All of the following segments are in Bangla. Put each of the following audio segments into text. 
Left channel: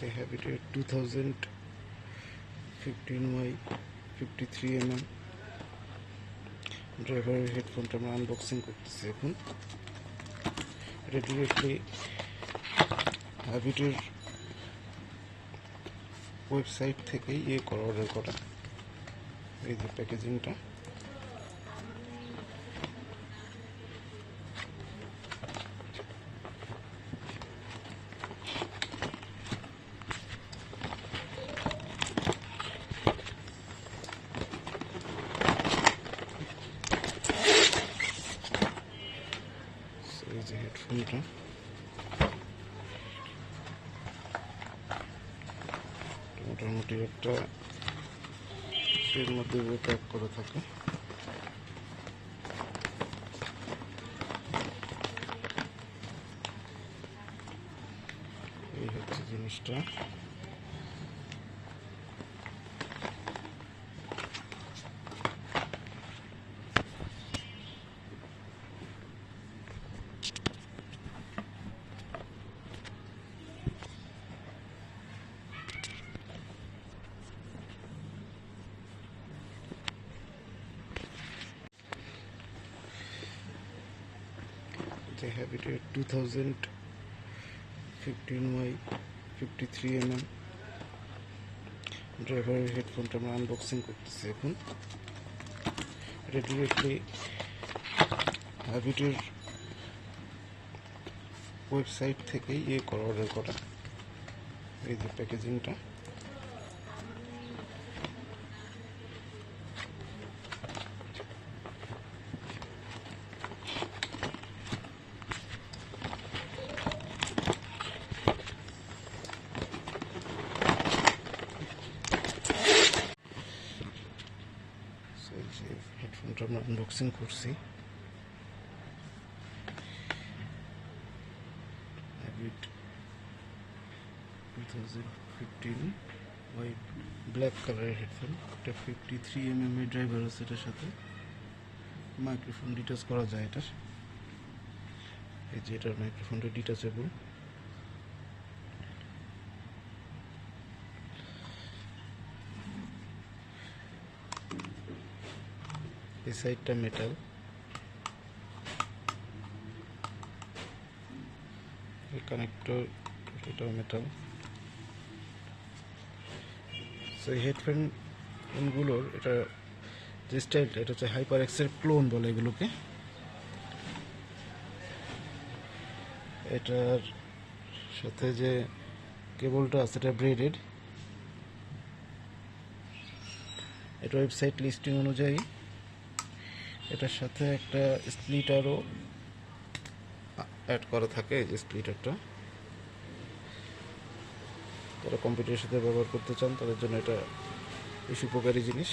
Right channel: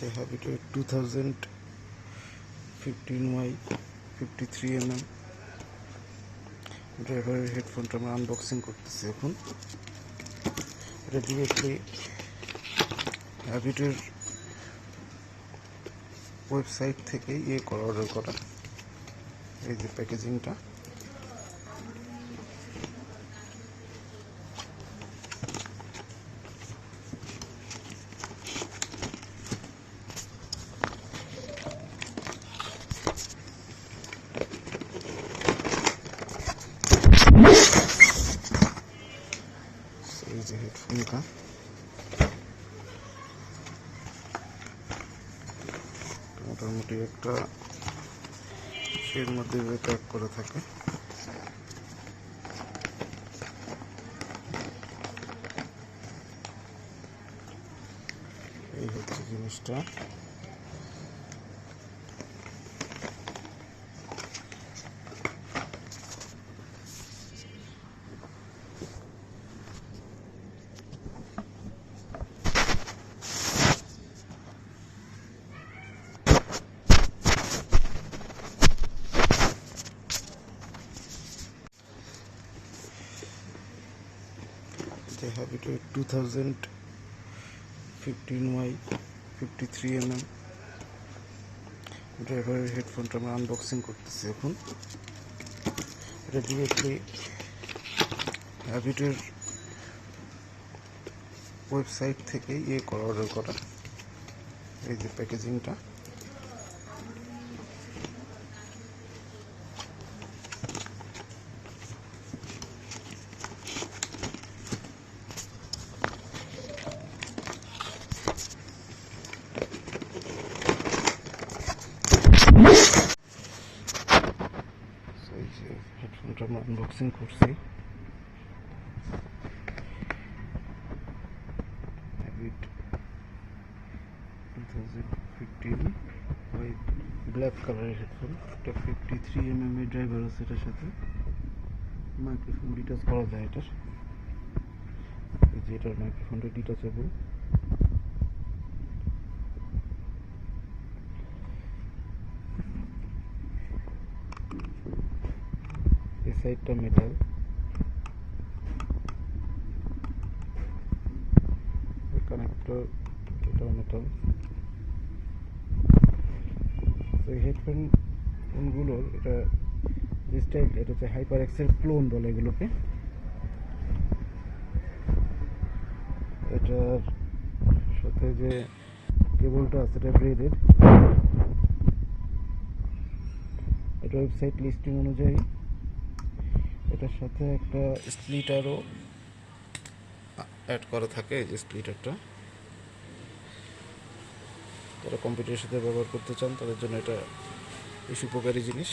They have it at 2015Y53mm ড্রাইভারের হেডফোনটা আমরা আনবক্সিং করতেছি এখন। এটা ডিরেক্টলি হ্যাবিটের ওয়েবসাইট থেকেই অর্ডার করা। এই যে প্যাকেজিংটা, এই যে হেডফোনটা মোটামুটি একটা এর মধ্যে প্যাক করা থাকে। এই হচ্ছে জিনিসটা। They have it at 2015Y53mm ড্রাইভারের হেডফোনটা আমরা আনবক্সিং করতেছি এখন। এটা ডিরেক্টলি হ্যাবিটের ওয়েবসাইট থেকেই অর্ডার করা। এই যে প্যাকেজিংটা, হেডফোনটা আমরা আনবক্সিং করছি। হ্যাবিট 2015 হোয়াইট ব্ল্যাক কালারের হেডফোন। এটা 53mm এর ড্রাইভার আছে এটার সাথে। মাইক্রোফোন ডিটাচ করা যায় এটার। এই যে এটার মাইক্রোফোনটা ডিটাচেবল। এই সাইডটা মেটাল, এই কানেক্টর এটাও মেটাল। সো এই হেডফোনগুলোর এটা যে স্টাইলটা, এটা হচ্ছে হাইপার এক্সের ক্লোন বলে এগুলোকে। এটার সাথে যে কেবলটা আছে এটা ব্রেডেড। এটা ওয়েবসাইট লিস্টিং অনুযায়ী এটার সাথে একটা স্প্লিটারও অ্যাড করা থাকে। এই যে স্প্লিটারটা, যারা কম্পিউটারের সাথে ব্যবহার করতে চান তাদের জন্য এটা বেশ উপকারী জিনিস।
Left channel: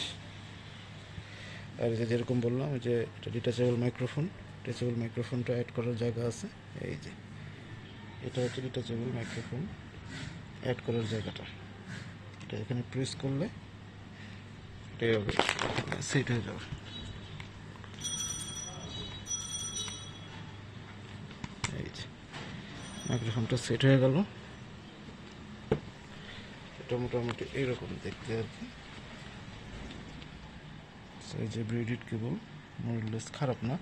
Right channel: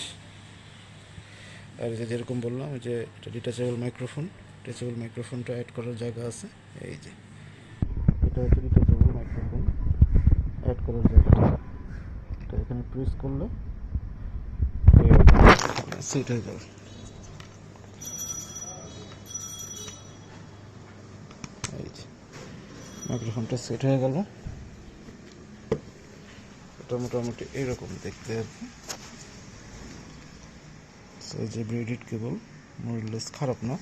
আর যে যেরকম বললাম যে এটা ডিটাচেবল মাইক্রোফোন, ডিটাচেবল মাইক্রোফোনটা অ্যাড করার জায়গা আছে। এই যে এটা হচ্ছে ডিটাচেবল মাইক্রোফোন অ্যাড করার জায়গাটা। এটা এখানে প্রেস করলে সেট হয়ে যাবে। এই যে মাইক্রোফোনটা সেট হয়ে গেল। এটা মোটামুটি এইরকম দেখতে আর কি। এই যে ব্রেডেড কেবল মোরলেস খারাপ না।